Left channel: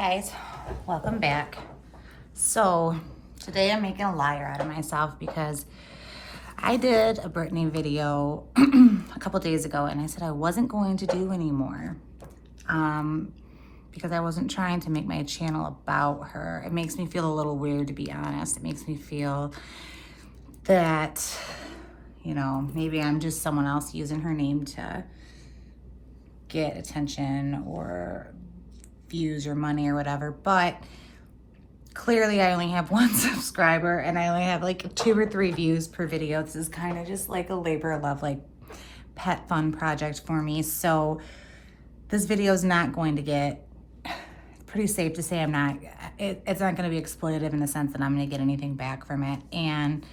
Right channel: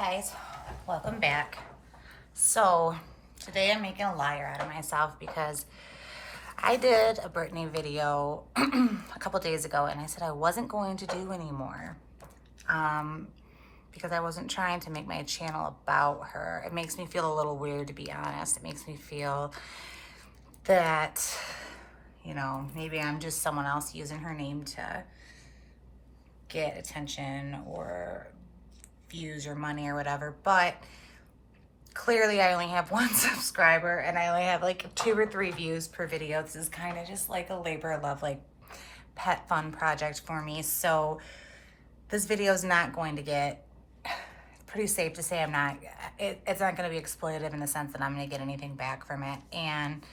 guys, welcome back. So today I'm making a liar out of myself because I did a Britney video a couple days ago and I said I wasn't going to do anymore because I wasn't trying to make my channel about her. It makes me feel a little weird, to be honest. It makes me feel that, you know, maybe I'm just someone else using her name to get attention or views or money or whatever, but clearly I only have one subscriber and I only have like 2 or 3 views per video. This is kind of just like a labor of love, like pet fun project for me. So this video is not going to get, pretty safe to say it's not going to be exploitative in the sense that I'm going to get anything back from it. And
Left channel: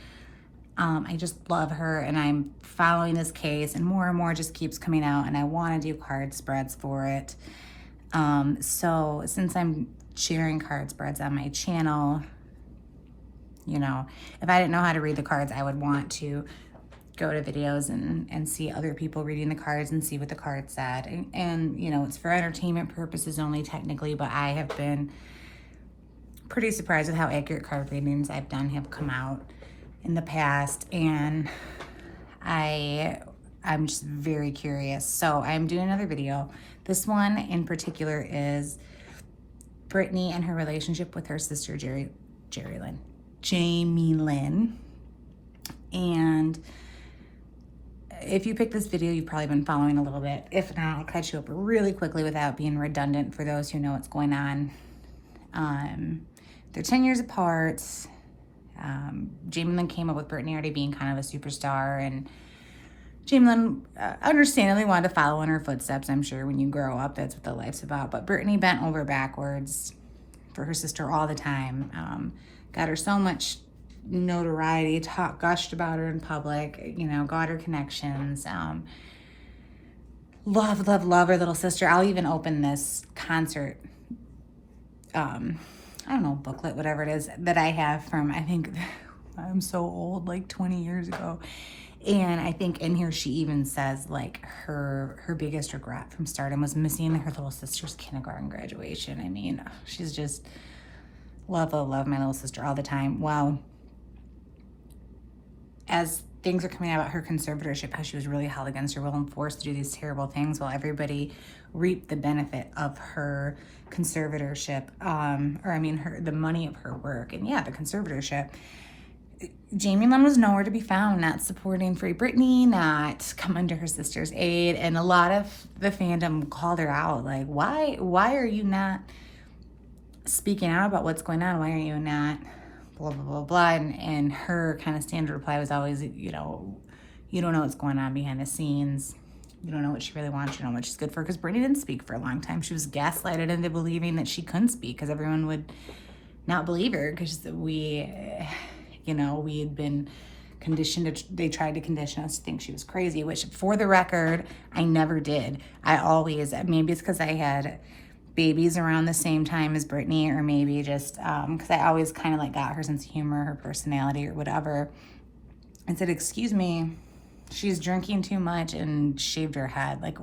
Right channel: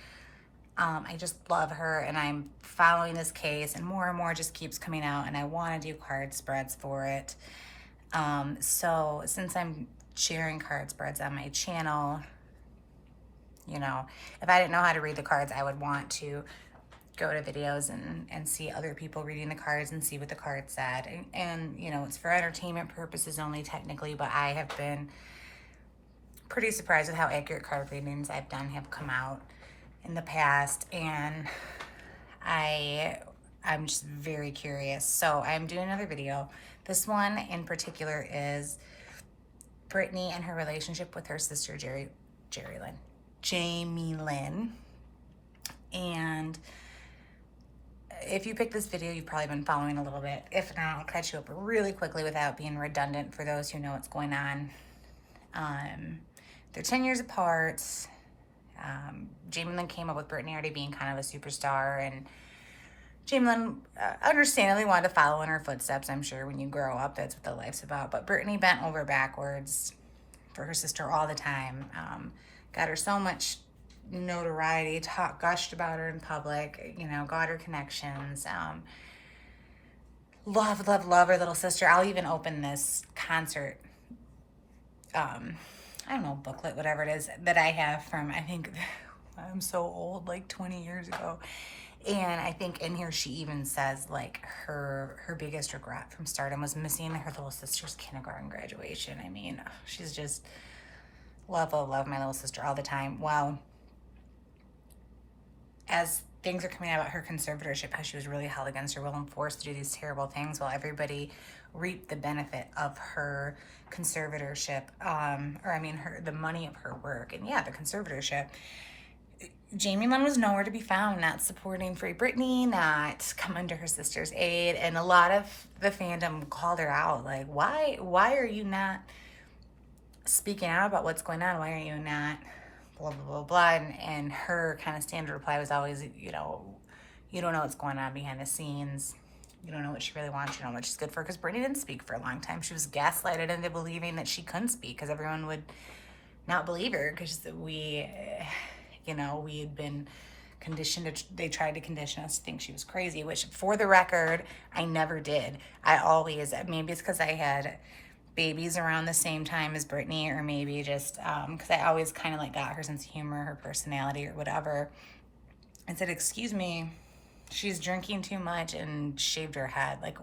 I just love her and I'm following this case and more just keeps coming out and I want to do card spreads for it. So since I'm sharing card spreads on my channel, you know, if I didn't know how to read the cards, I would want to go to videos and see other people reading the cards and see what the card said. And you know, it's for entertainment purposes only technically, but I have been pretty surprised with how accurate card readings I've done have come out in the past, and I'm just very curious. So I'm doing another video. This one in particular is Britney and her relationship with her sister Jamie Lynn. And if you picked this video, you've probably been following a little bit. If not, I'll catch you up really quickly without being redundant for those who know what's going on. They're 10 years apart. Jamie Lynn came up with Britney already being kind of a superstar, and Jamie Lynn understandably wanted to follow in her footsteps. I'm sure when you grow up, that's what the life's about. But Britney bent over backwards for her sister all the time. Got her so much notoriety, gushed about her in public, you know, got her connections. Love her little sister. I'll even open this concert, I don't know, booklet, whatever it is, that I have from, I think, I'm so old, like 20 years ago. And I think in here she even says like her biggest regret from stardom was missing her little sister's kindergarten graduation. I mean, she's just love my little sister all the time. Well, as things are coming out about her conservatorship, how she was really held against her will and forced to do these terrible things while everybody reaped the benefit of her conservatorship, the money of her work, and yeah, the conservatorship. Jamie Lynn was nowhere to be found, not supporting Free Britney, not coming to her sister's aid, and a lot of the fandom called her out, like, why are you not speaking out about what's going on? Why are you not blah, blah, blah, blah, and her kind of standard reply was always, you know, you don't know what's going on behind the scenes. You don't know what she really wants. You don't know what she's good for. Because Britney didn't speak for a long time. She was gaslighted into believing that she couldn't speak because everyone would not believe her because we had been conditioned. They tried to condition us to think she was crazy, which for the record, I never did. Maybe it's because I had babies around the same time as Britney, or maybe just because I always kind of like got her sense of humor, her personality, or whatever. I said, excuse me, she's drinking too much and shaved her head. Like,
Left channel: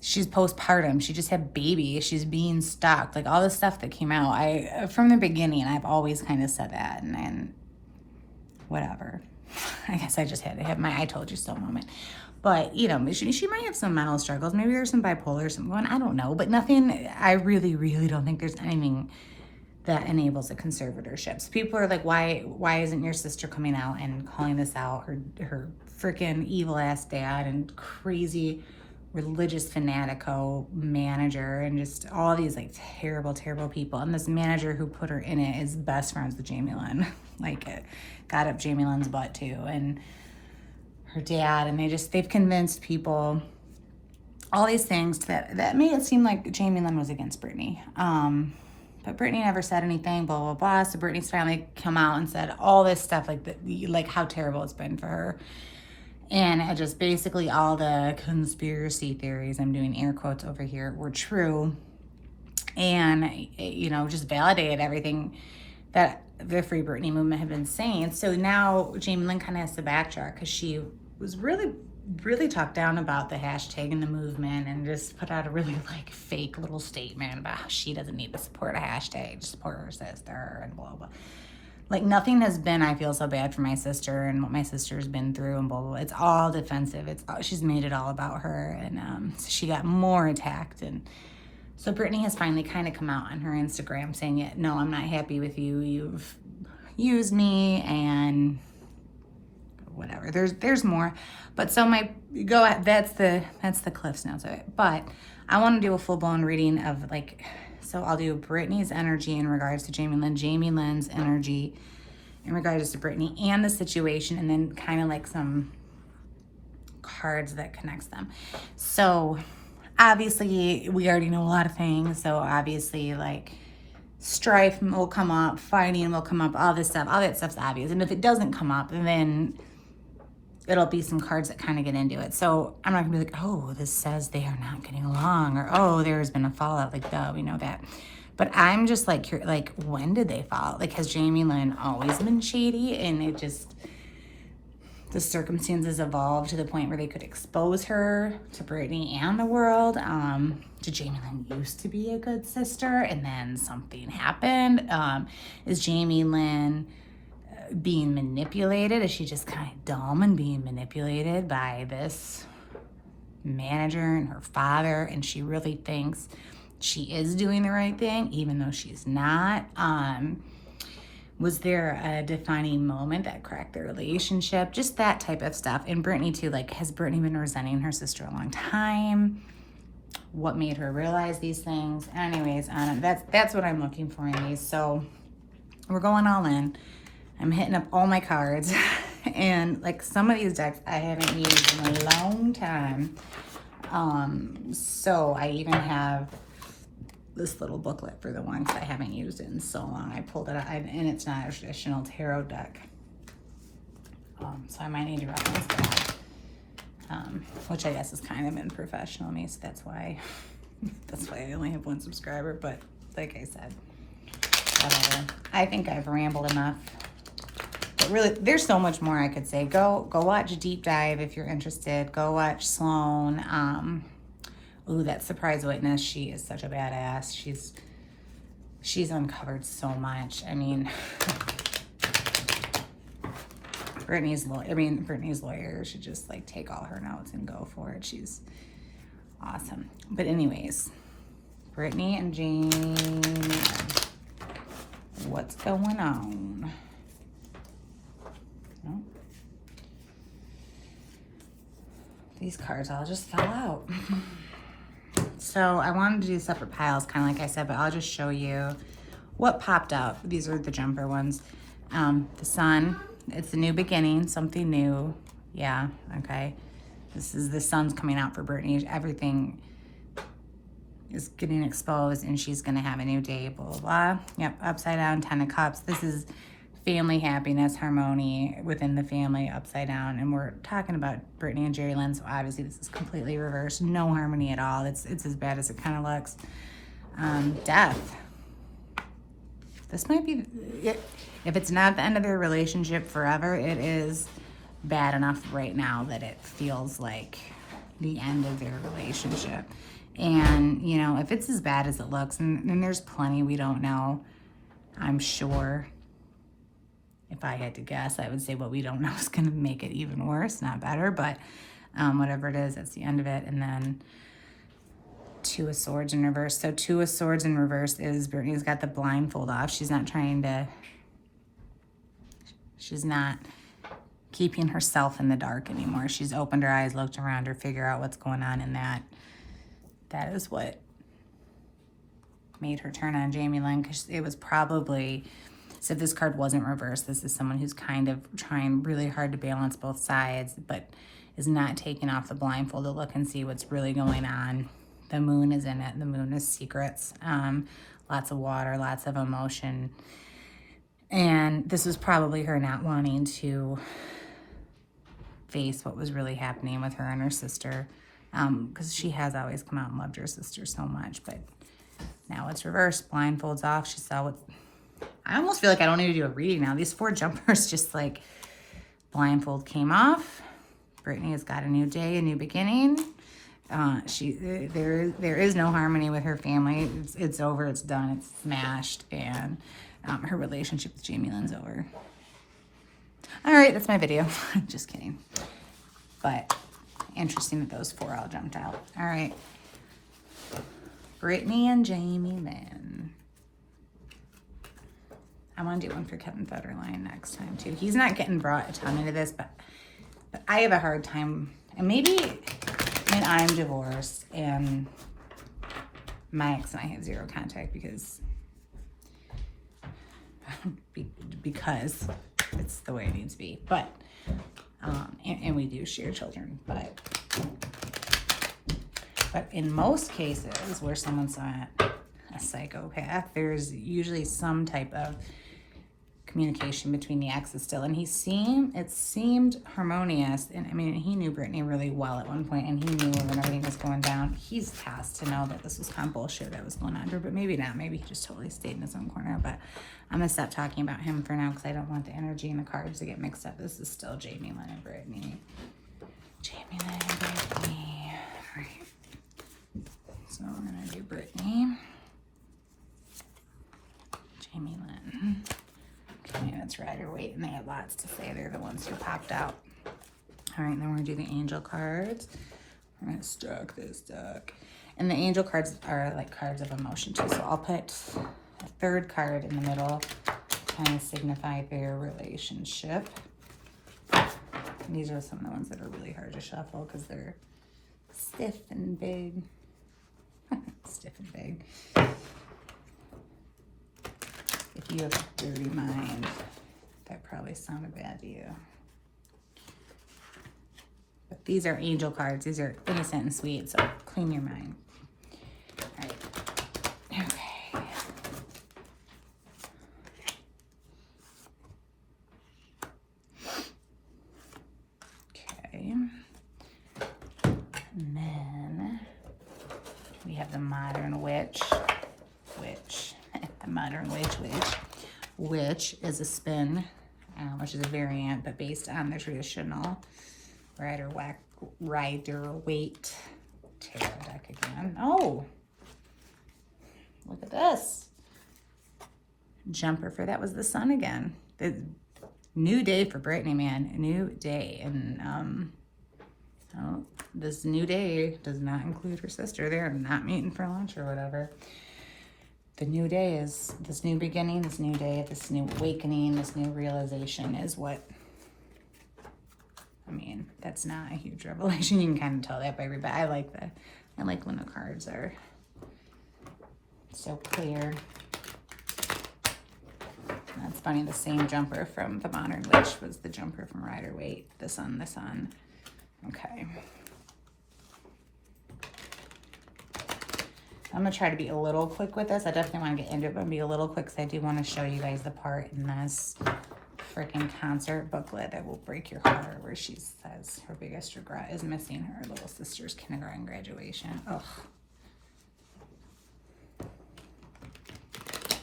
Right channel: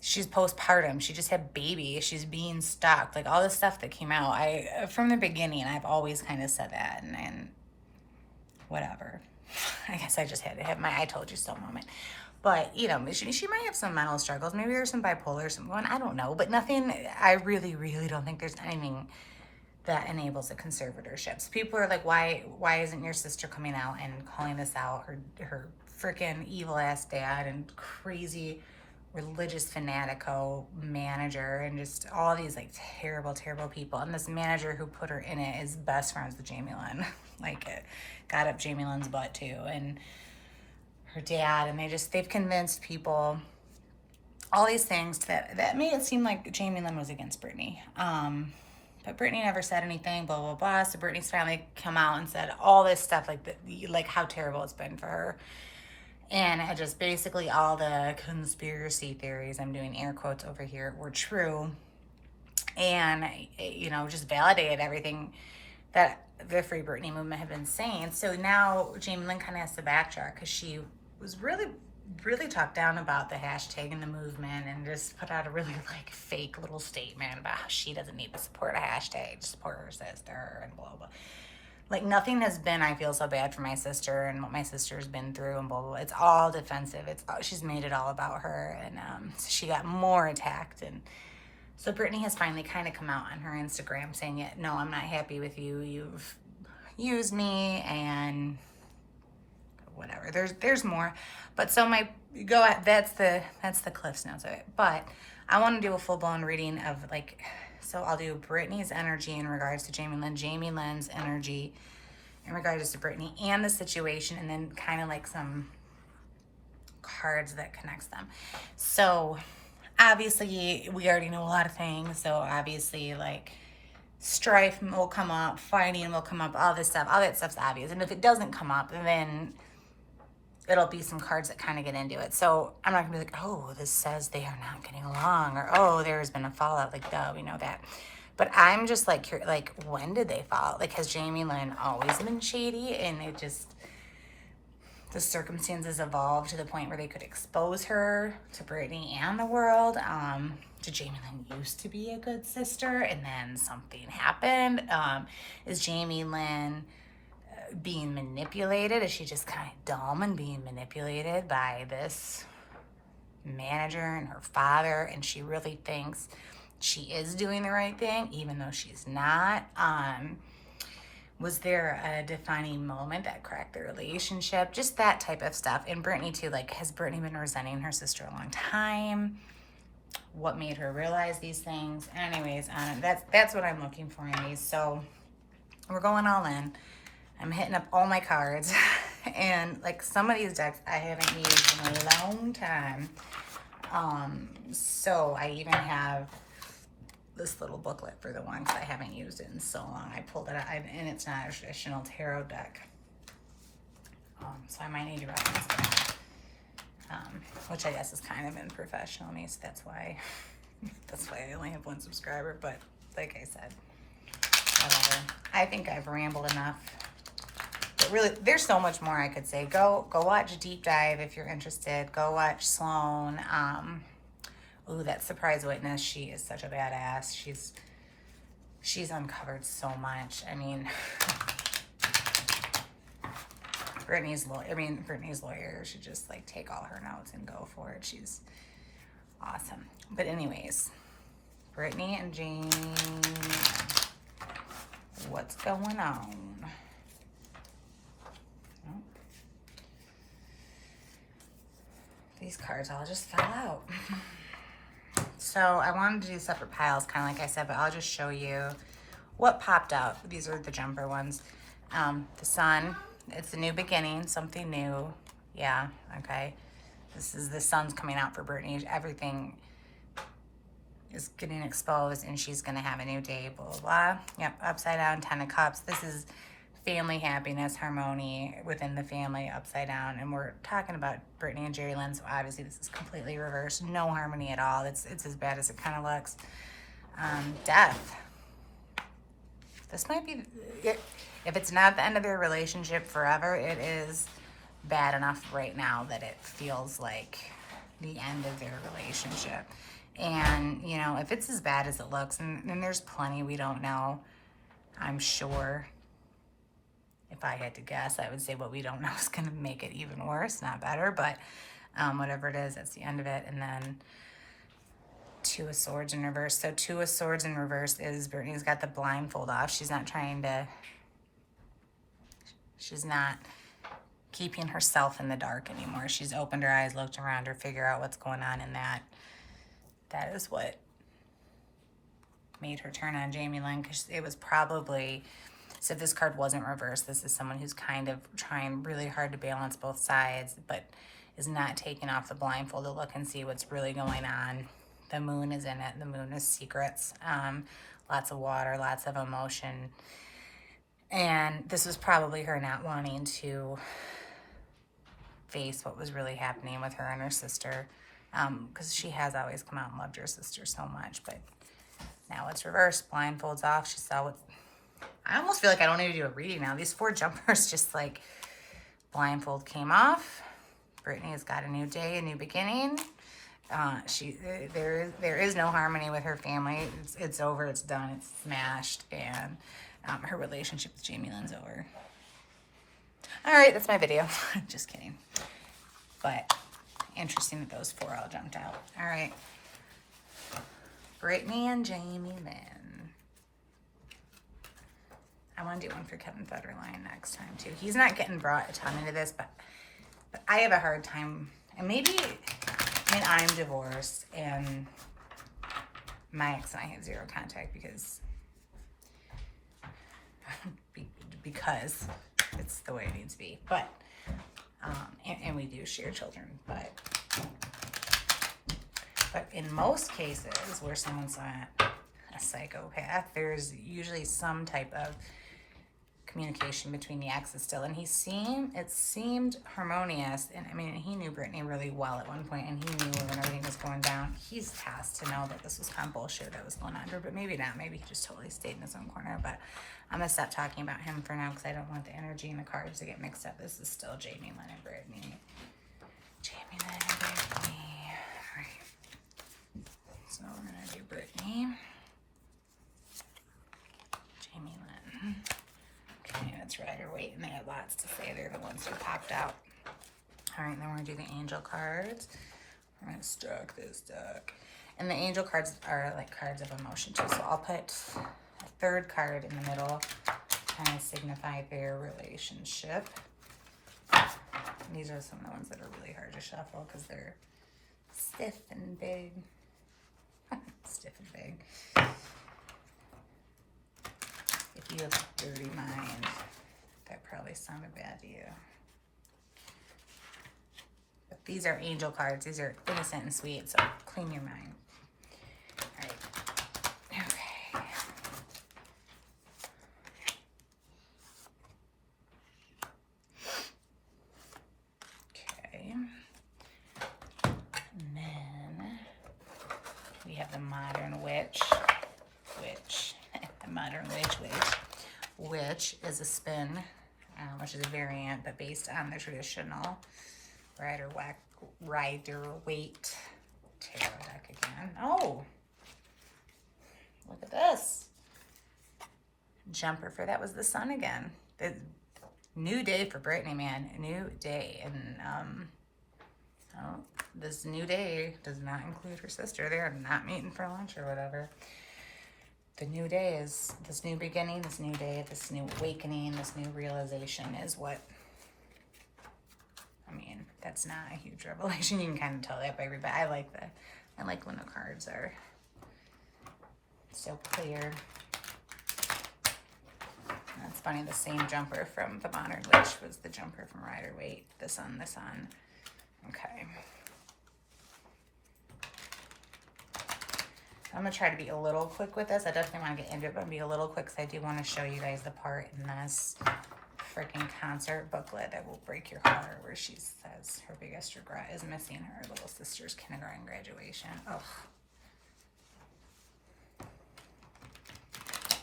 she's postpartum. She just had baby. She's being stalked. Like, all the stuff that came out. From the beginning, I've always kind of said that. And whatever. I guess I just had to hit my I told you so moment. But, you know, she might have some mental struggles. Maybe there's some bipolar or something going on. I don't know. But nothing, I really, really don't think there's anything that enables a conservatorship. So people are like, why isn't your sister coming out and calling this out? Her freaking evil ass dad and crazy religious fanatico manager and just all these like terrible people. And this manager who put her in it is best friends with Jamie Lynn. Like, got up Jamie Lynn's butt too, and her dad, and they've convinced people all these things that made it seem like Jamie Lynn was against Britney. But Britney never said anything, blah, blah, blah. So Britney's finally come out and said all this stuff, like how terrible it's been for her. And it just basically all the conspiracy theories, I'm doing air quotes over here, were true. And, you know, just validated everything that the Free Britney movement had been saying. So now Jamie Lynn kind of has to backtrack because she was really really talked down about the hashtag and the movement and just put out a really like fake little statement about how she doesn't need to support a hashtag, just support her sister and blah blah. Like nothing has been, I feel so bad for my sister and what my sister's been through and blah blah. It's all defensive. She's made it all about her, and so she got more attacked. And so Britney has finally kind of come out on her Instagram saying, "Yeah, no, I'm not happy with you. You've used me and whatever." There's more, but so that's the Cliff's Notes of it. But I want to do a full blown reading of like. So I'll do Britney's energy in regards to Jamie Lynn, Jamie Lynn's energy in regards to Britney and the situation, and then kind of like some cards that connects them. So obviously we already know a lot of things. So obviously like strife will come up, fighting will come up, all this stuff, all that stuff's obvious. And if it doesn't come up, then it'll be some cards that kind of get into it. So I'm not gonna be like, oh, this says they are not getting along, or oh, there's been a fallout. Like, duh, we know that. But I'm just like, when did they fall? Like, has Jamie Lynn always been shady? And it just, the circumstances evolved to the point where they could expose her to Britney and the world. Did Jamie Lynn used to be a good sister, and then something happened? Is Jamie Lynn being manipulated? Is she just kind of dumb and being manipulated by this manager and her father, and she really thinks she is doing the right thing even though she's not? Was there a defining moment that cracked their relationship? Just that type of stuff. And Britney too, like, has Britney been resenting her sister a long time? What made her realize these things? Anyways, that's what I'm looking for in these. So we're going all in. I'm hitting up all my cards, and like some of these decks I haven't used in a long time. So I even have this little booklet for the ones I haven't used it in so long. I pulled it out, and it's not a traditional tarot deck. So I might need to write this back, which I guess is kind of unprofessional of me, so that's why I only have one subscriber. But like I said, I think I've rambled enough. Really, there's so much more I could say. Go watch Deep Dive if you're interested. Go watch Sloan. Ooh, that Surprise Witness. She is such a badass. She's uncovered so much. I mean, Britney's lawyer should just like take all her notes and go for it. She's awesome. But anyways, Britney and Jane, what's going on? These cards all just fell out. So I wanted to do separate piles, kind of like I said, but I'll just show you what popped up. These are the jumper ones. The sun, it's a new beginning, something new. Yeah, okay. This is the sun's coming out for Britney. Everything is getting exposed, and she's going to have a new day, blah, blah, blah. Yep, upside down, 10 of cups. This is family happiness, harmony within the family, upside down. And we're talking about Britney and Jerry Lynn, so obviously this is completely reversed. No harmony at all. It's as bad as it kind of looks. Death. This might be, if it's not the end of their relationship forever, it is bad enough right now that it feels like the end of your relationship. And, you know, if it's as bad as it looks, and there's plenty we don't know, I'm sure. If I had to guess, I would say what we don't know is going to make it even worse, not better. But whatever it is, that's the end of it. And then Two of Swords in reverse. So Two of Swords in reverse is Britney's got the blindfold off. She's not keeping herself in the dark anymore. She's opened her eyes, looked around her, figure out what's going on in that. That is what made her turn on Jamie Lynn, because it was probably... So if this card wasn't reversed, this is someone who's kind of trying really hard to balance both sides, but is not taking off the blindfold to look and see what's really going on. The moon is in it. The moon is secrets. Lots of water, lots of emotion. And this was probably her not wanting to face what was really happening with her and her sister, because she has always come out and loved her sister so much. But now it's reversed. Blindfolds off. She saw what... I almost feel like I don't need to do a reading now. These 4 jumpers just like blindfold came off. Britney has got a new day, a new beginning. There is no harmony with her family. It's over. It's done. It's smashed, and her relationship with Jamie Lynn's over. All right, that's my video. Just kidding. But interesting that those 4 all jumped out. All right, Britney and Jamie Lynn. I want to do one for Kevin Federline next time too. He's not getting brought to into this, but I have a hard time, and maybe. And I'm divorced, and my ex and I have 0 contact because it's the way it needs to be. But and we do share children, but in most cases where someone's not a psychopath, there's usually some type of communication between the exes still, and it seemed harmonious. And I mean, he knew Britney really well at one point, and he knew when everything was going down. He's tasked to know that this was kind of bullshit that was going on, but maybe not. Maybe he just totally stayed in his own corner. But I'm gonna stop talking about him for now because I don't want the energy and the cards to get mixed up. This is still Jamie Lynn and Britney. Jamie Lynn and Britney. All right. So I'm gonna do Britney. Jamie Lynn. It's Rider Waite, and they had lots to say. They're the ones who popped out. All right, then we're going to do the angel cards. We're going to stack this deck. And the angel cards are like cards of emotion too. So I'll put a 3rd card in the middle, kind of signify their relationship. And these are some of the ones that are really hard to shuffle because they're stiff and big. Stiff and big. If you have a dirty mind, that probably sounded bad to you. But these are angel cards. These are innocent and sweet, so clean your mind. All right. Okay. Okay. And then we have the modern witch. Modern Witch is a spin, which is a variant, but based on the traditional Rider Waite tarot deck again. Oh, look at this jumper for that was the sun again. The new day for Britney, man. A new day, and this new day does not include her sister. They're not meeting for lunch or whatever. The new day is this new beginning, this new day, this new awakening, this new realization is what, I mean, that's not a huge revelation. You can kind of tell that by everybody. I like when the cards are so clear. That's funny, the same jumper from the Modern Witch was the jumper from Rider Waite, the sun. Okay. I'm going to try to be a little quick with this. I definitely want to get into it, but be a little quick because I do want to show you guys the part in this freaking concert booklet that will break your heart where she says her biggest regret is missing her little sister's kindergarten graduation. Ugh. Okay.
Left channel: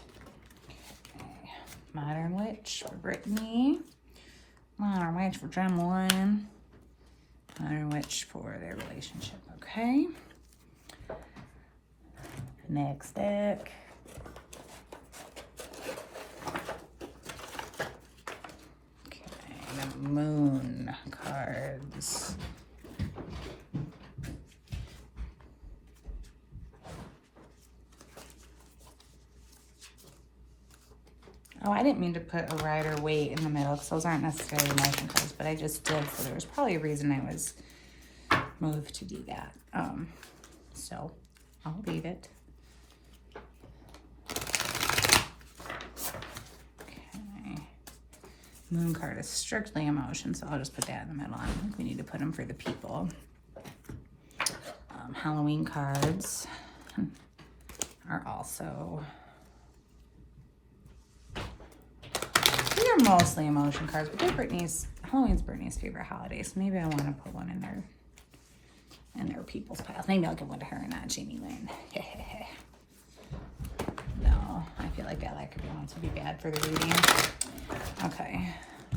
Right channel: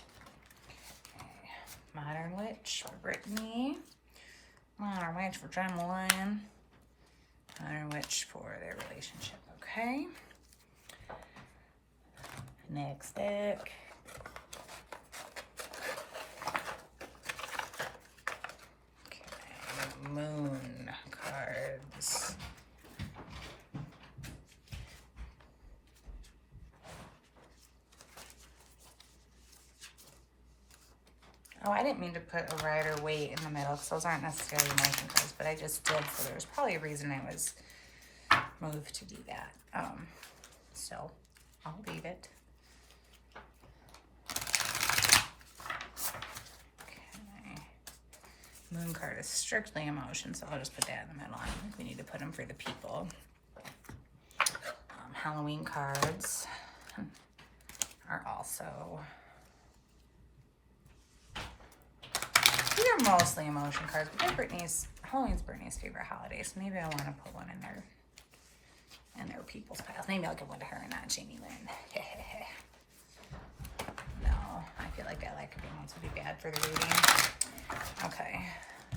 Modern Witch for Britney. Modern Witch for Jamie Lynn. Modern Witch for their relationship. Okay. Next deck. Okay, moon cards. Oh, I didn't mean to put a Rider Waite in the middle because those aren't necessarily emotion cards, but I just did, so there's probably a reason I was moved to do that. So I'll leave it. Moon card is strictly emotion, so I'll just put that in the middle. I think we need to put them for the people. Halloween cards are also, these are mostly emotion cards, but Halloween's Britney's favorite holiday, so maybe I want to put one in their people's pile. Maybe I'll give one to her and not Jamie Lynn. No, I feel like I like her once would be bad for the reading. Okay,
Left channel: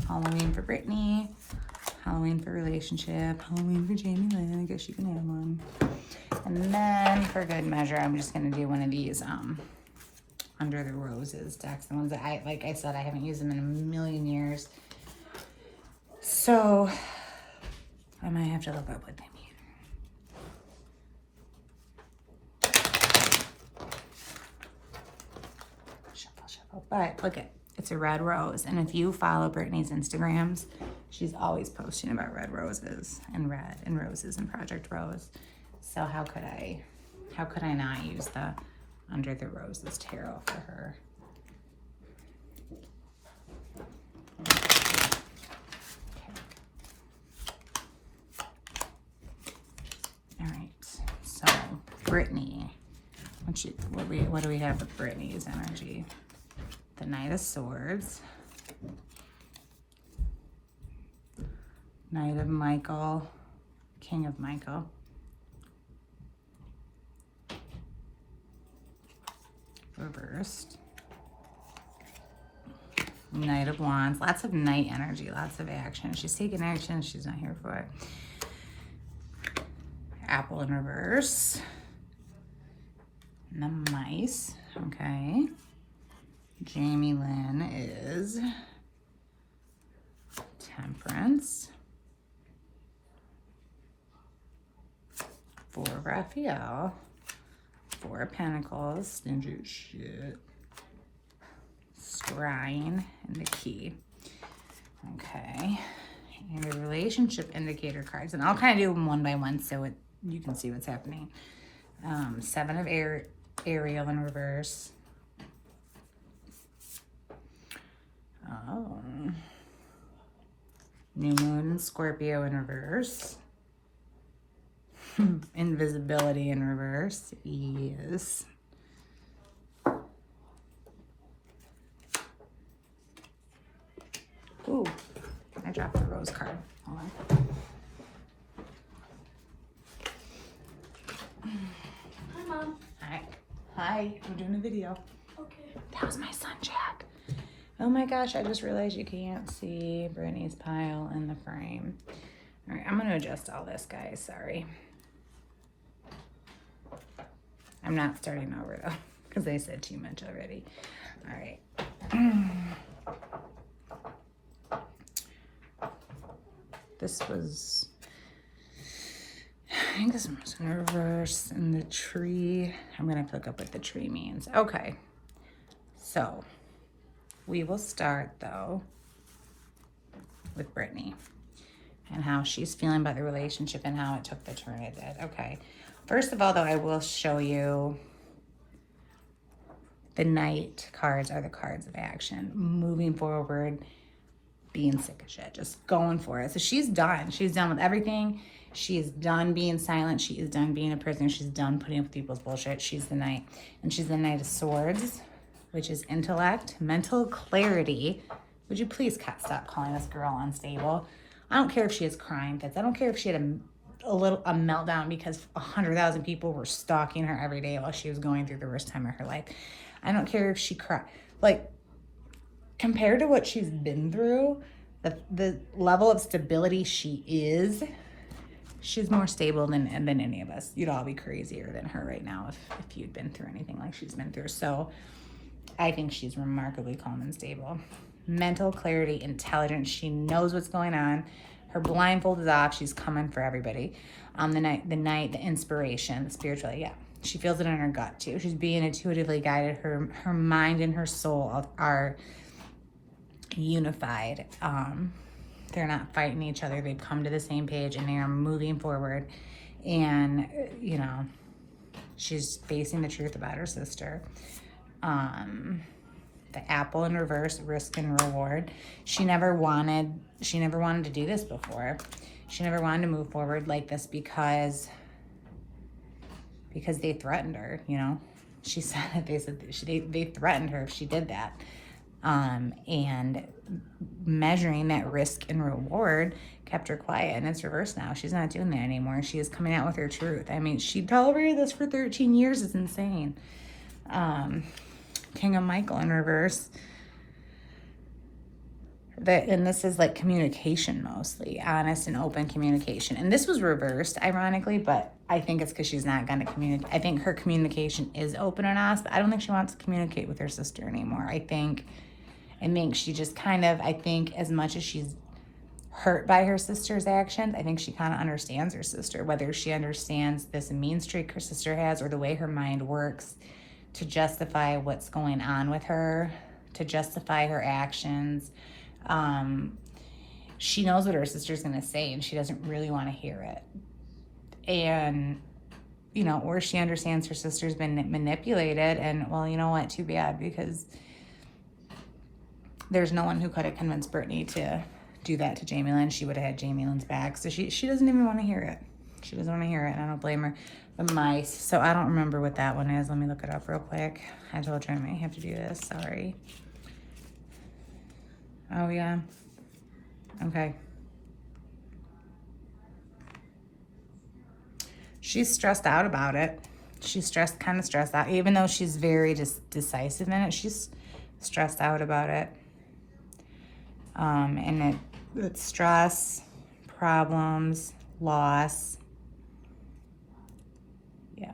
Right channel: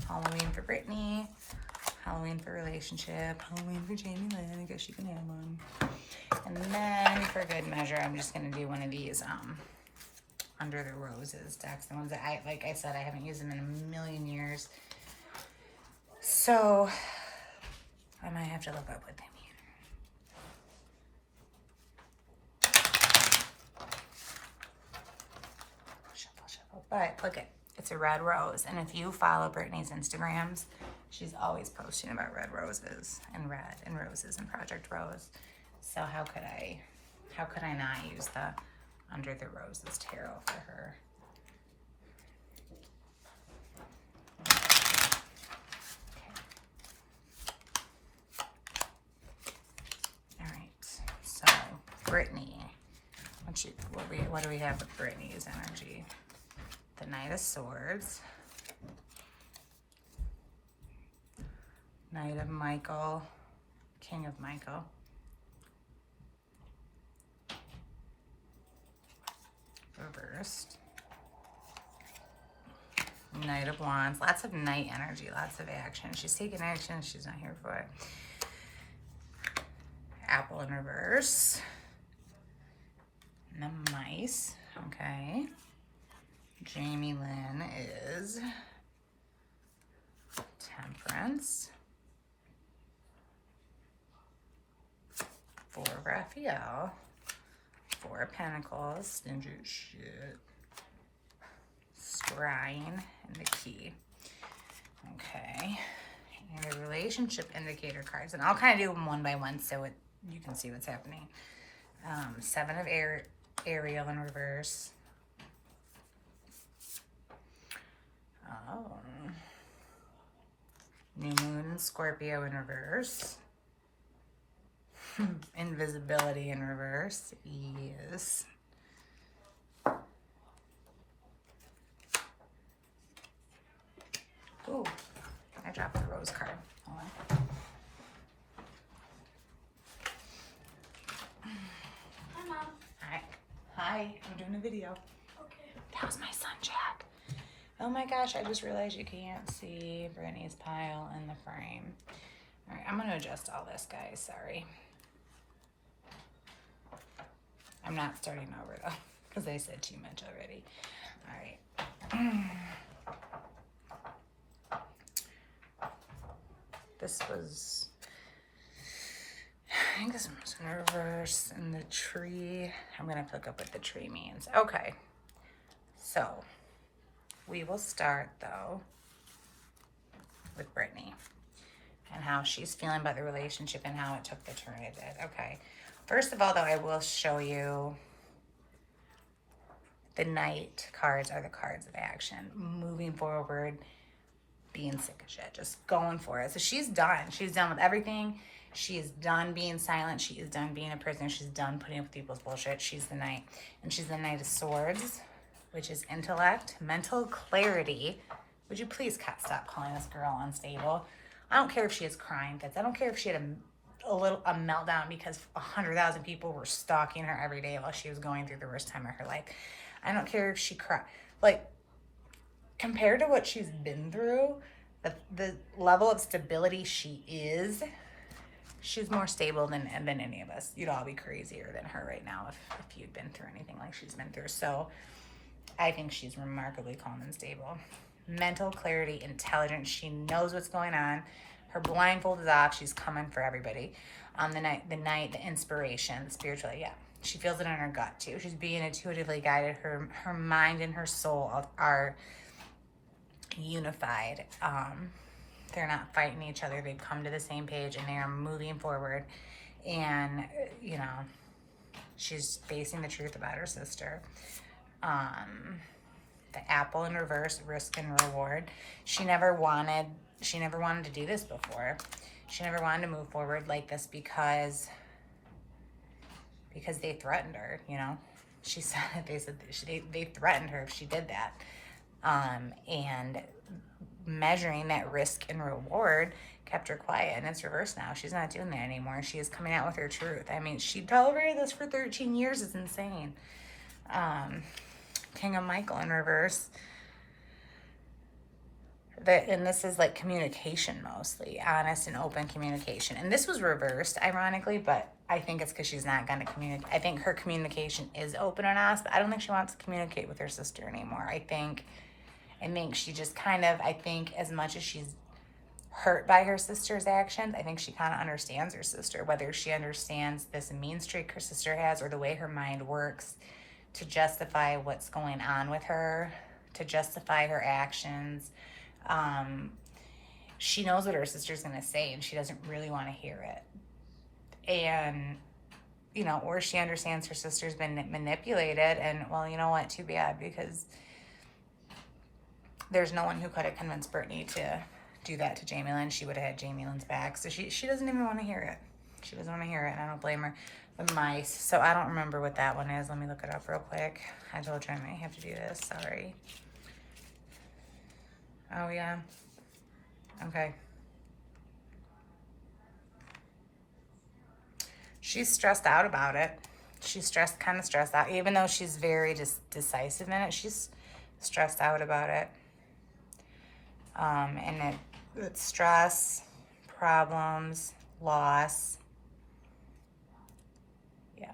Halloween for Britney, Halloween for relationship. Halloween for Jamie Lynn. I guess you can have one. And then for good measure, I'm just gonna do one of these Under the Roses decks. The ones that like I said, I haven't used them in a million years. So I might have to look up what they mean. Shuffle, shuffle. But look at, it's a red rose. And if you follow Britney's Instagrams, she's always posting about red roses and roses and Project Rose. So how could I not use the Under the Roses tarot for her? All right, so Britney. What do we have with Britney's energy? The Knight of Swords. Knight of Michael. King of Michael. Reversed. Knight of Wands. Lots of Knight energy, lots of action. She's taking action, she's not here for it. Apple in reverse. And the Mice. Okay. Jamie Lynn is Temperance. For Raphael. Four of Pentacles, stingy shit. Scrying and the Key. Okay. And the relationship indicator cards. And I'll kind of do them one by one so you can see what's happening. Seven of Ariel in reverse. New Moon in Scorpio in reverse. Invisibility in reverse. Yes. Ooh, I dropped the rose card. Hold on. Hi, Mom. Hi. Hi. I'm doing a video. Okay. That was my son, Chad. Oh my gosh, I just realized you can't see Brittany's pile in the frame. All right, I'm going to adjust all this, guys. Sorry. I'm not starting over, though, because they said too much already. All right. This was, I think this was reverse in the tree. I'm going to look up what the tree means. Okay. So, we will start, though, with Britney and how she's feeling about the relationship and how it took the turn it did. Okay. First of all, though, I will show you the Knight cards are the cards of action. Moving forward, being sick of shit, just going for it. So she's done. She's done with everything. She is done being silent. She is done being a prisoner. She's done putting up with people's bullshit. She's the Knight. And she's the Knight of Swords, which is intellect, mental clarity. Would you please stop calling this girl unstable? I don't care if she has crime fits. I don't care if she had a meltdown because 100,000 people were stalking her every day while she was going through the worst time of her life. I don't care if she cried. Like, compared to what she's been through, the level of stability she is, she's more stable than any of us. You'd all be crazier than her right now if you'd been through anything like she's been through. So I think she's remarkably calm and stable. Mental clarity, intelligence. She knows what's going on. Her blindfold is off. She's coming for everybody. The night, the inspiration, spiritually, yeah. She feels it in her gut too. She's being intuitively guided. Her mind and her soul are unified. They're not fighting each other. They've come to the same page and they are moving forward. And, you know, she's facing the truth about her sister. The apple in reverse, risk and reward. She never wanted to do this before. She never wanted to move forward like this because they threatened her, you know. They threatened her if she did that. And measuring that risk and reward kept her quiet, and it's reversed now. She's not doing that anymore. She is coming out with her truth. I mean, she tolerated this for 13 years. It's insane. King of Michael in reverse. that, and this is like communication mostly, honest and open communication. And this was reversed, ironically, but I think it's because she's not going to communicate. I think her communication is open and honest, but I don't think she wants to communicate with her sister anymore. I think she just kind of, I think as much as she's hurt by her sister's actions, I think she kind of understands her sister, whether she understands this mean streak her sister has or the way her mind works to justify what's going on with her, to justify her actions. She knows what her sister's going to say and she doesn't really want to hear it. And, you know, or she understands her sister's been manipulated and, well, you know what, too bad, because there's no one who could have convinced Britney to do that to Jamie Lynn. She would have had Jamie Lynn's back. So she doesn't even want to hear it. She doesn't want to hear it. I don't blame her. The mice. So I don't remember what that one is. Let me look it up real quick. I told you I might have to do this. Sorry. Oh, yeah. Okay. She's stressed out about it. She's kind of stressed out. Even though she's very decisive in it, she's stressed out about it. And it's stress, problems, loss, yeah,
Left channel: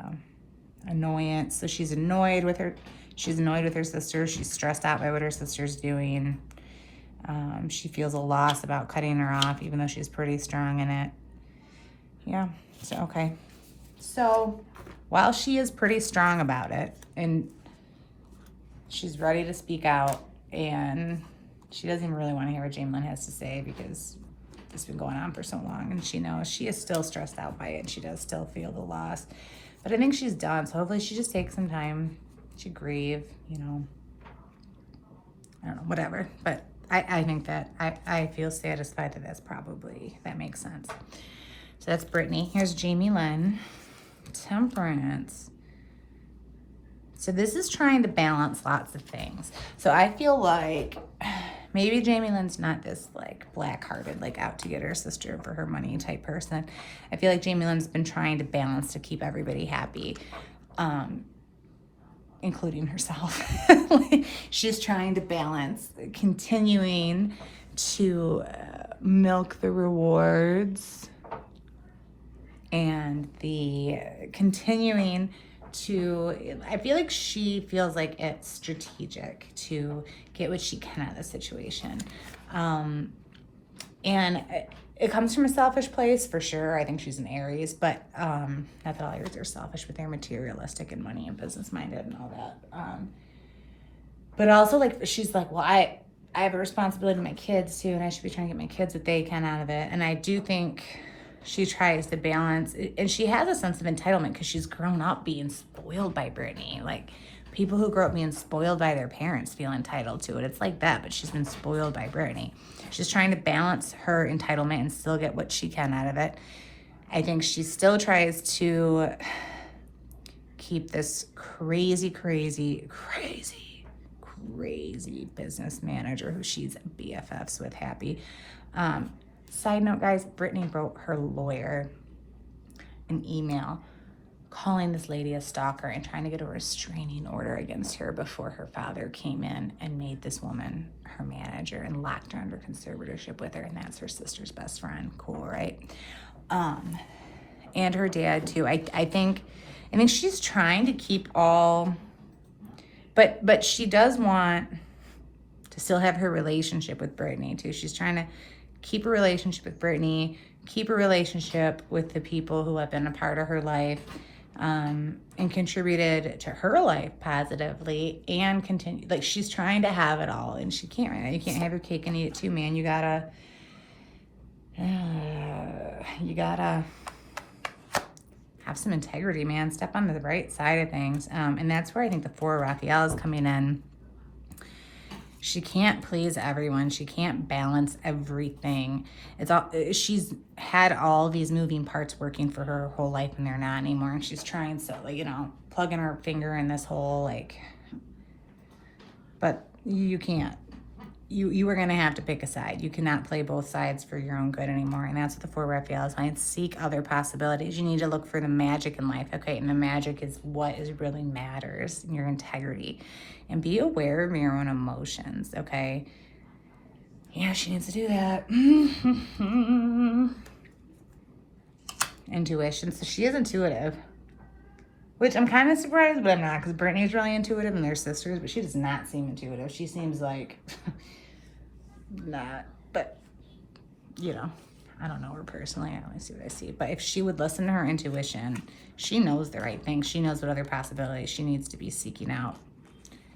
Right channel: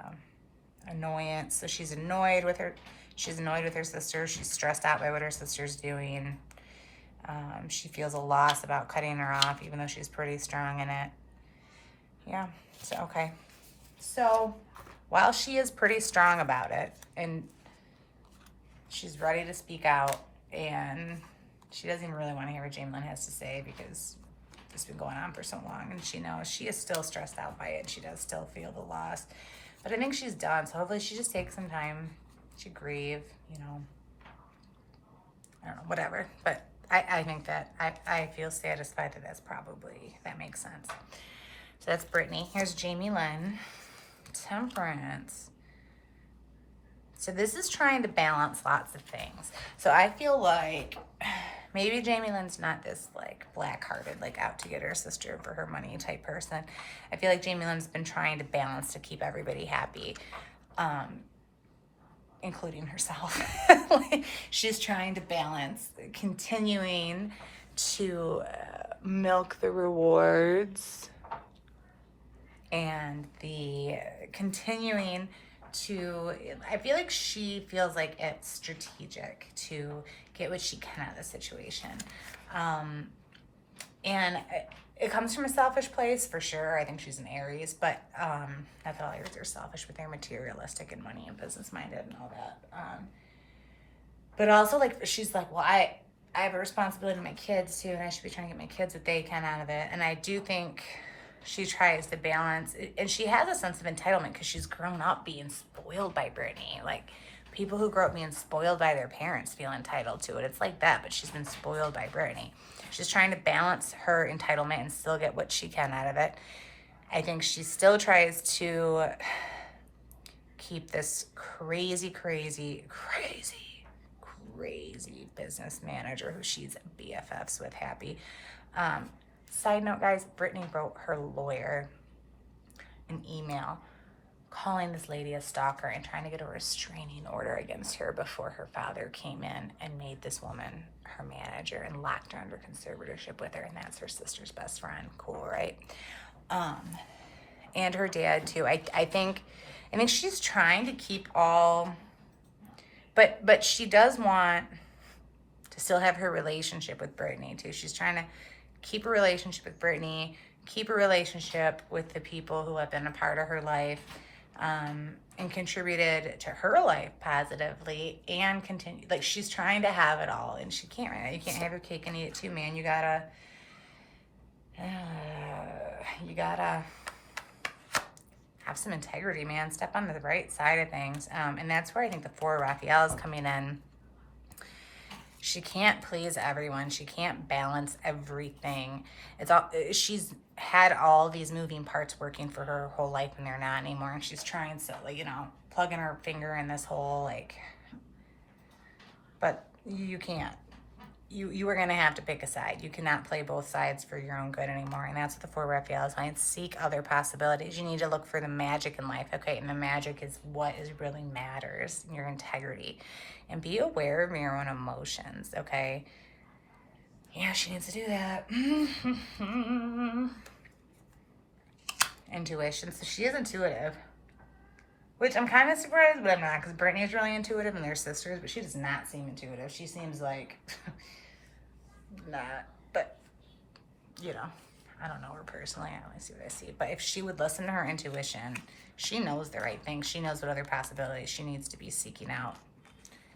annoyance. So she's annoyed with her sister. She's stressed out by what her sister's doing. She feels a loss about cutting her off, even though she's pretty strong in it. Yeah, so, okay. So, while she is pretty strong about it, and she's ready to speak out, and she doesn't even really want to hear what Jamie Lynn has to say because it's been going on for so long, and she knows she is still stressed out by it, and she does still feel the loss. But I think she's done, so hopefully she just takes some time to grieve, you know. I don't know, whatever. But I think that I feel satisfied that that makes sense. So that's Britney. Here's Jamie Lynn. Temperance. So this is trying to balance lots of things. So I feel like maybe Jamie Lynn's not this like black-hearted, like out to get her sister for her money type person. I feel like Jamie Lynn's been trying to balance to keep everybody happy, including herself. She's trying to balance continuing to milk the rewards and the continuing to, I feel like she feels like it's strategic to get what she can out of the situation. And it comes from a selfish place for sure. I think she's an Aries, but not that all Aries are selfish, but they're materialistic and money and business minded and all that. But also like, she's like, well, I have a responsibility to my kids too, and I should be trying to get my kids what they can out of it. And I do think she tries to balance, and she has a sense of entitlement because she's grown up being spoiled by Britney. Like, people who grow up being spoiled by their parents feel entitled to it. It's like that, but she's been spoiled by Britney. She's trying to balance her entitlement and still get what she can out of it. I think she still tries to keep this crazy business manager who she's BFFs with happy. Side note, guys, Britney wrote her lawyer an email calling this lady a stalker and trying to get a restraining order against her before her father came in and made this woman her manager and locked her under conservatorship with her, and that's her sister's best friend. Cool, right? And her dad too. I think she's trying to keep all, but she does want to still have her relationship with Britney too. She's trying to keep a relationship with Britney, keep a relationship with the people who have been a part of her life, and contributed to her life positively, and continue. Like, she's trying to have it all, and she can't. Right? You can't have your cake and eat it too, man. You gotta have some integrity, man. Step onto the right side of things, and that's where I think the Four of Raphael is coming in. She can't please everyone. She can't balance everything. She's had all these moving parts working for her whole life, and they're not anymore. And she's trying to, plugging her finger in this hole, but you can't. You are gonna have to pick a side. You cannot play both sides for your own good anymore. And that's what the Four Raphael is saying. Seek other possibilities. You need to look for the magic in life, okay? And the magic is what really matters, your integrity. And be aware of your own emotions, okay? Yeah, she needs to do that. Intuition. So she is intuitive. Which I'm kind of surprised, but I'm not, because Brittany's really intuitive and they're sisters, but she does not seem intuitive. She seems like not, but you know, I don't know her personally. I only see what I see. But if she would listen to her intuition, she knows the right thing. She knows what other possibilities she needs to be seeking out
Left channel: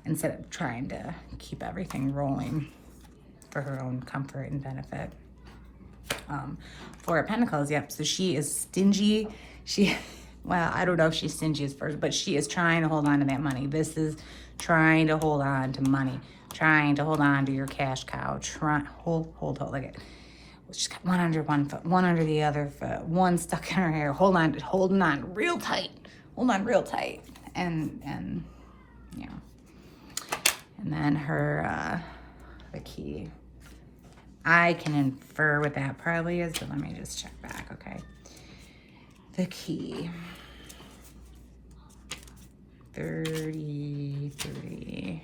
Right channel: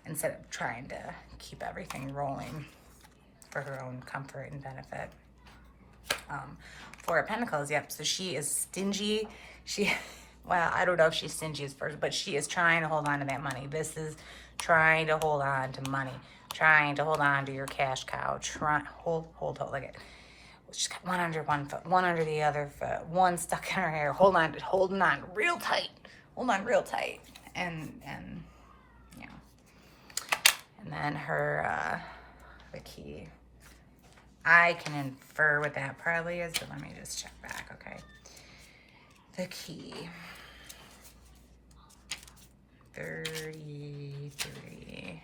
instead of trying to keep everything rolling for her own comfort and benefit. Four of Pentacles, yep. So she is stingy. Well, I don't know if she's stingy as first, but she is trying to hold on to that money. This is trying to hold on to money, trying to hold on to your cash cow. Hold, look at it. She's got one under one foot, one under the other foot, one stuck in her hair. Holding on real tight. Hold on real tight. And yeah. And then her, the key. I can infer what that probably is, but let me just check back, okay? The key. 33.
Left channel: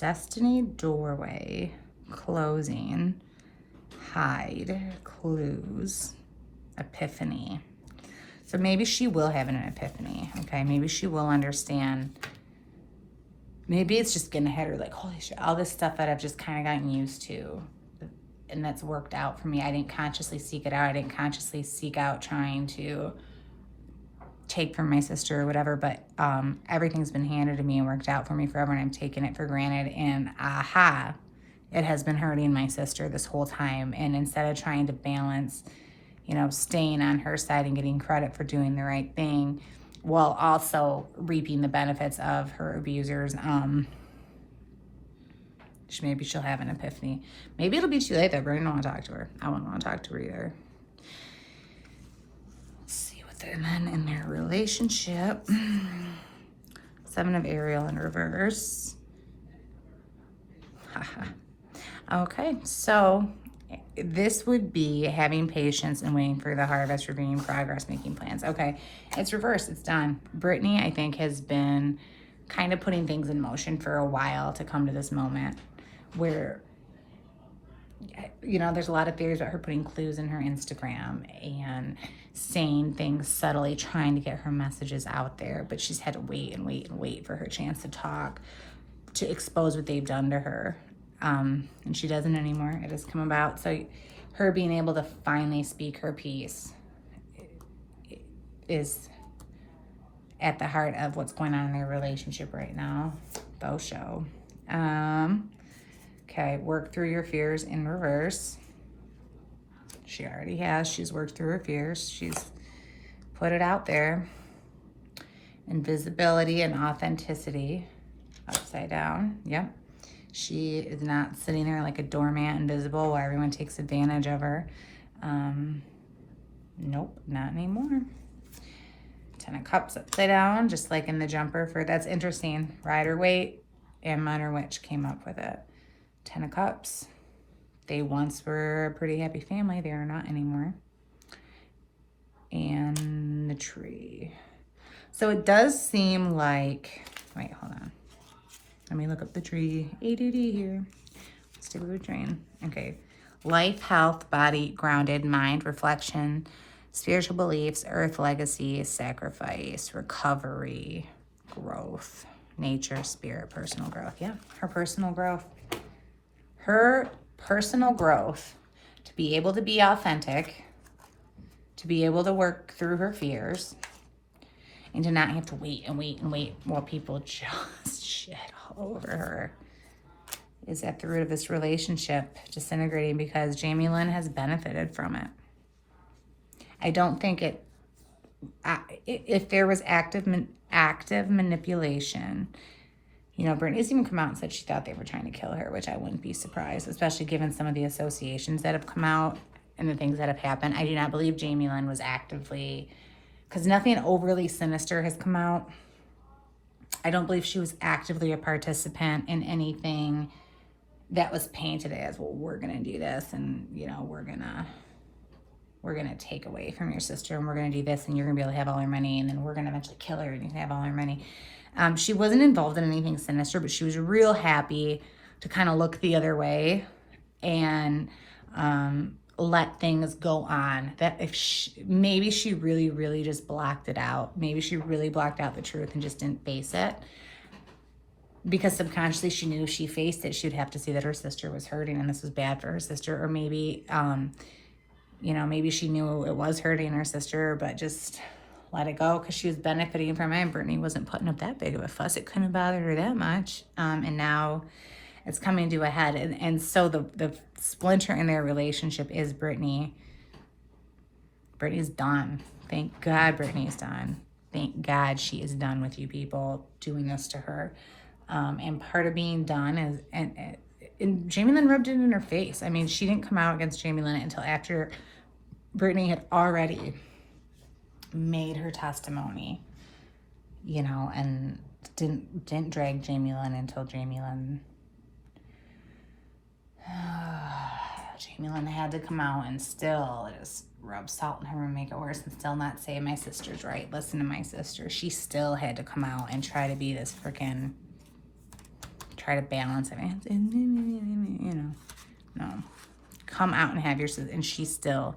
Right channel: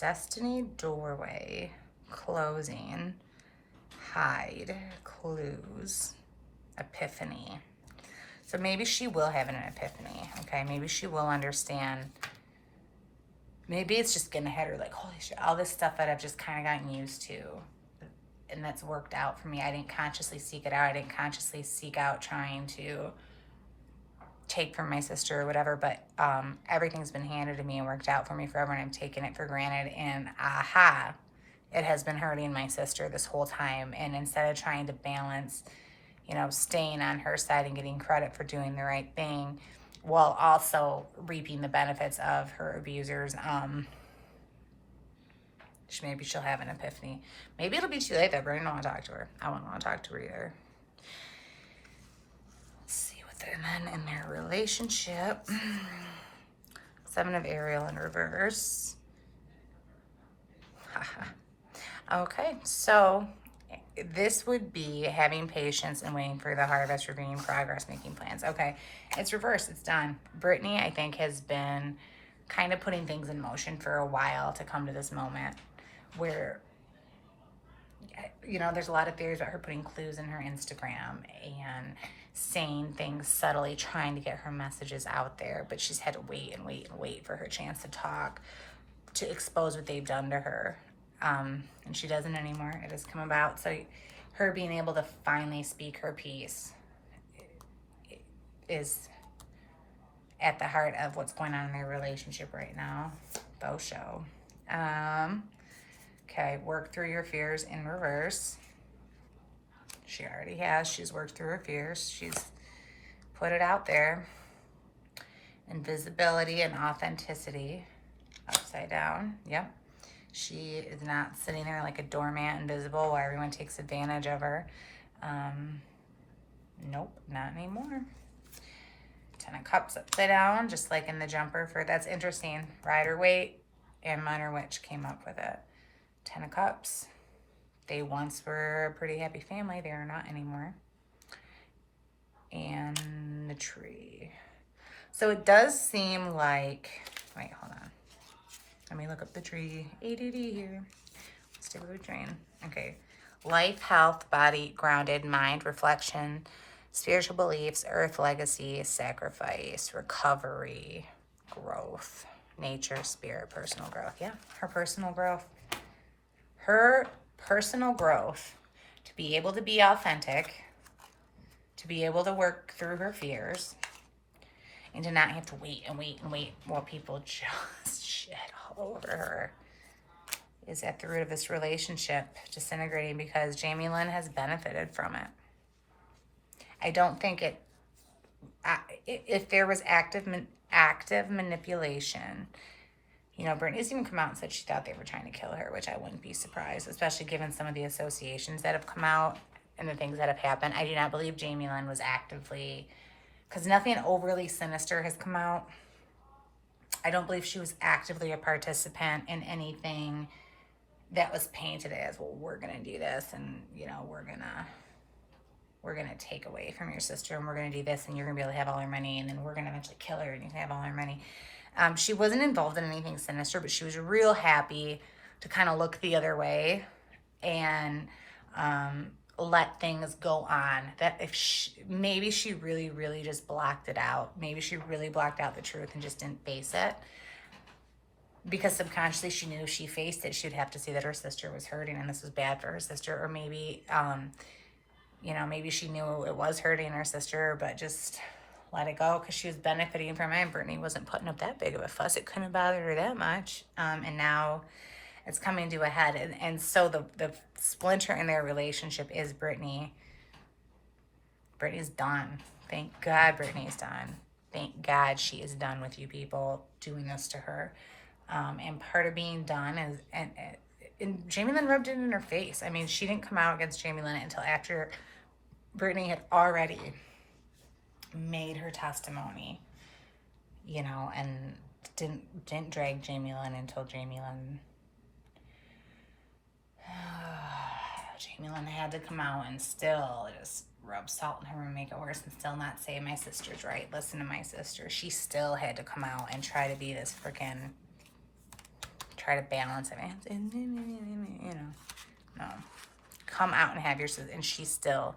Destiny doorway, closing, hide, clues, epiphany. So maybe she will have an epiphany, okay? Maybe she will understand. Maybe it's just gonna hit her like, holy shit, all this stuff that I've just kind of gotten used to, and that's worked out for me. I didn't consciously seek it out. I didn't consciously seek out trying to take from my sister or whatever, but everything's been handed to me and worked out for me forever, and I'm taking it for granted. And aha, it has been hurting my sister this whole time. And instead of trying to balance, you know, staying on her side and getting credit for doing the right thing, while also reaping the benefits of her abusers, maybe she'll have an epiphany. Maybe it'll be too late though, but I don't want to talk to her. I won't want to talk to her either. Let's see what they're, and then in their relationship, 7 of Ariel in reverse. Okay, so this would be having patience and waiting for the harvest, reviewing progress, making plans. Okay, it's reversed, it's done. Britney, I think, has been kind of putting things in motion for a while to come to this moment where, you know, there's a lot of theories about her putting clues in her Instagram and saying things subtly, trying to get her messages out there, but she's had to wait and wait and wait for her chance to talk, to expose what they've done to her. And she doesn't anymore. It has come about. So her being able to finally speak her piece is at the heart of what's going on in their relationship right now. Both show. Okay, work through your fears in reverse. She already has. She's worked through her fears. She's put it out there. Invisibility and authenticity. Upside down. Yep. She is not sitting there like a doormat, invisible, where everyone takes advantage of her. Nope, not anymore. 10 of Cups upside down, just like in the jumper. That's interesting. Rider-Waite and Minor Witch came up with it. 10 of Cups. They once were a pretty happy family. They are not anymore. And the Tree. So it does seem like, wait, hold on. Let me look up the Tree. ADD here. Let's do the train. Okay. Life, health, body, grounded, mind, reflection, spiritual beliefs, earth, legacy, sacrifice, recovery, growth, nature, spirit, personal growth. Yeah, her personal growth. Her personal growth, to be able to be authentic, to be able to work through her fears, and to not have to wait and wait and wait while people just shit over her, is at the root of this relationship disintegrating, because Jamie Lynn has benefited from it. I don't think if there was active manipulation, you know, Britney's even come out and said she thought they were trying to kill her, which I wouldn't be surprised, especially given some of the associations that have come out and the things that have happened. I do not believe Jamie Lynn was actively, because nothing overly sinister has come out. I don't believe she was actively a participant in anything that was painted as, well, we're gonna do this, and you know, we're we're going to take away from your sister and we're going to do this and you're going to be able to have all her money and then we're going to eventually kill her and you can have all her money. She wasn't involved in anything sinister, but she was real happy to kind of look the other way and let things go on. That if maybe she really, really just blocked it out. Maybe she really blocked out the truth and just didn't face it. Because subconsciously she knew if she faced it, she'd have to see that her sister was hurting and this was bad for her sister. Or maybe, you know, maybe she knew it was hurting her sister, but just let it go because she was benefiting from it. And Britney wasn't putting up that big of a fuss. It couldn't bother her that much. And now it's coming to a head. And so the splinter in their relationship is Britney. Britney's done. Thank God Britney's done. Thank God she is done with you people doing this to her. And part of being done is, and Jamie Lynn rubbed it in her face. I mean, she didn't come out against Jamie Lynn until after Britney had already made her testimony, you know, and didn't drag Jamie Lynn until Jamie Lynn had to come out and still just rub salt in her and make it worse and still not say my sister's right. Listen to my sister. She still had to come out and try to be this freaking, try to balance it. You know, no. Come out and have your sister. And she still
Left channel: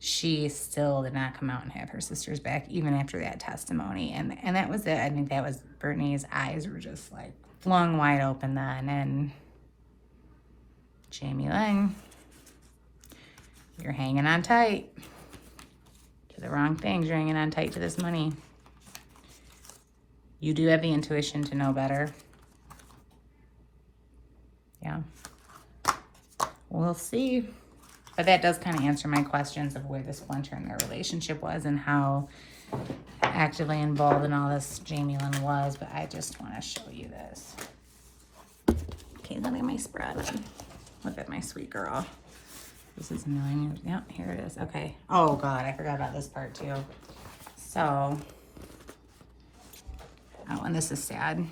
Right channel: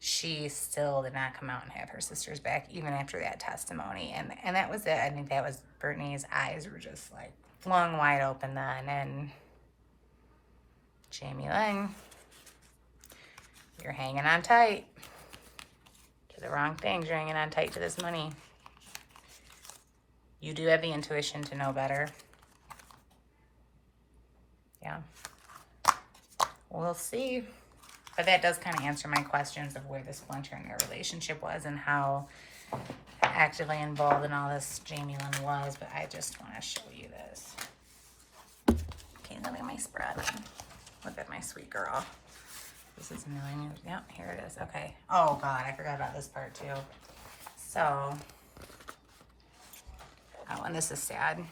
did not come out and have her sister's back even after that testimony. And that was it. I mean, that was Britney's eyes were just like flung wide open then. And Jamie Lynn, you're hanging on tight to the wrong things. You're hanging on tight to this money. You do have the intuition to know better. Yeah. We'll see. But that does kind of answer my questions of where the splinter in their relationship was and how actively involved in all this Jamie Lynn was. But I just want to show you this. Okay, look at my spread. Look at my sweet girl. This is mine. Yep, here it is. Okay. Oh, God, I forgot about this part, too. So, oh, and this is sad.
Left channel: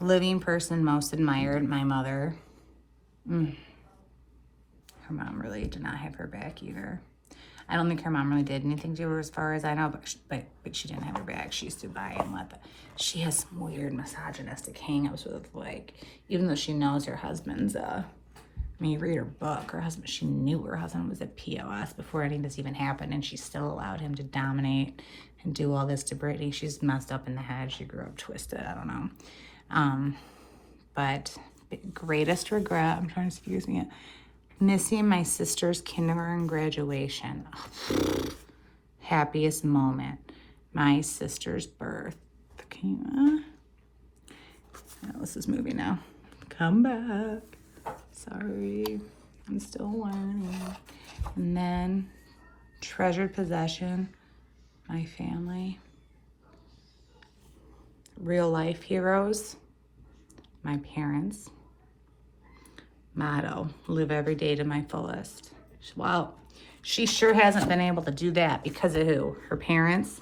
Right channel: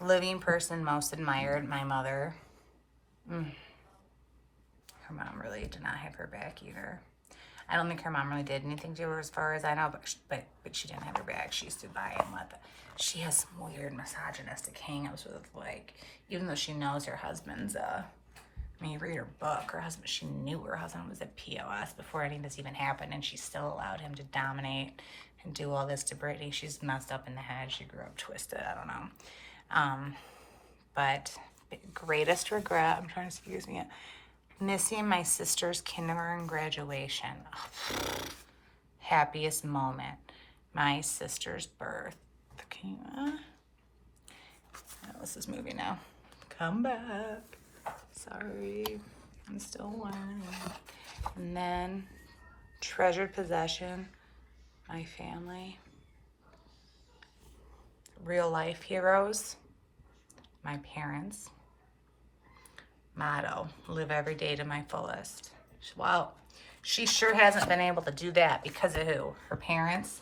Living person most admired, my mother. Her mom really did not have her back either. I don't think her mom really did anything to her as far as I know, but she didn't have her back. She stood by and let the... She has some weird misogynistic hang-ups with, like, even though she knows her husband's, I mean, you read her book, her husband, she knew her husband was a POS before any of this even happened, and she still allowed him to dominate and do all this to Britney. She's messed up in the head. She grew up twisted. I don't know. But the greatest regret, I'm trying to excuse me, missing my sister's kindergarten graduation. Happiest moment, my sister's birth. Okay. Oh, this is moving now. Come back. Sorry, I'm still learning. And then treasured possession, my family. Real life heroes, my parents. Motto, live every day to my fullest. Well, she sure hasn't been able to do that because of who? Her parents?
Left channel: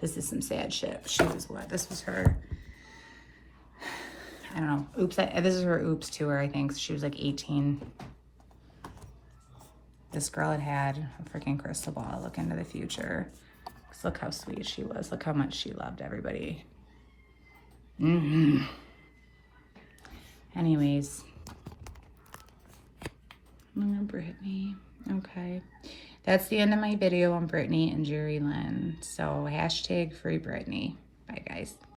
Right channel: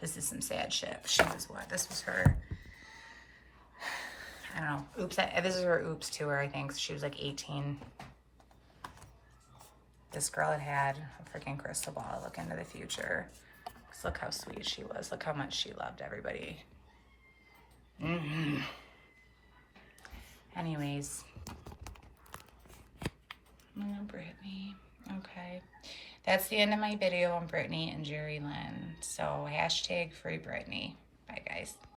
This is some sad shit. She was what? This was her, I don't know. Oops, this is her oops tour, I think. She was like 18. This girl had a freaking crystal ball. Look into the future. Look how sweet she was. Look how much she loved everybody. Anyways. Britney. Okay. That's the end of my video on Britney and Jerry Lynn. So hashtag free Britney. Bye, guys.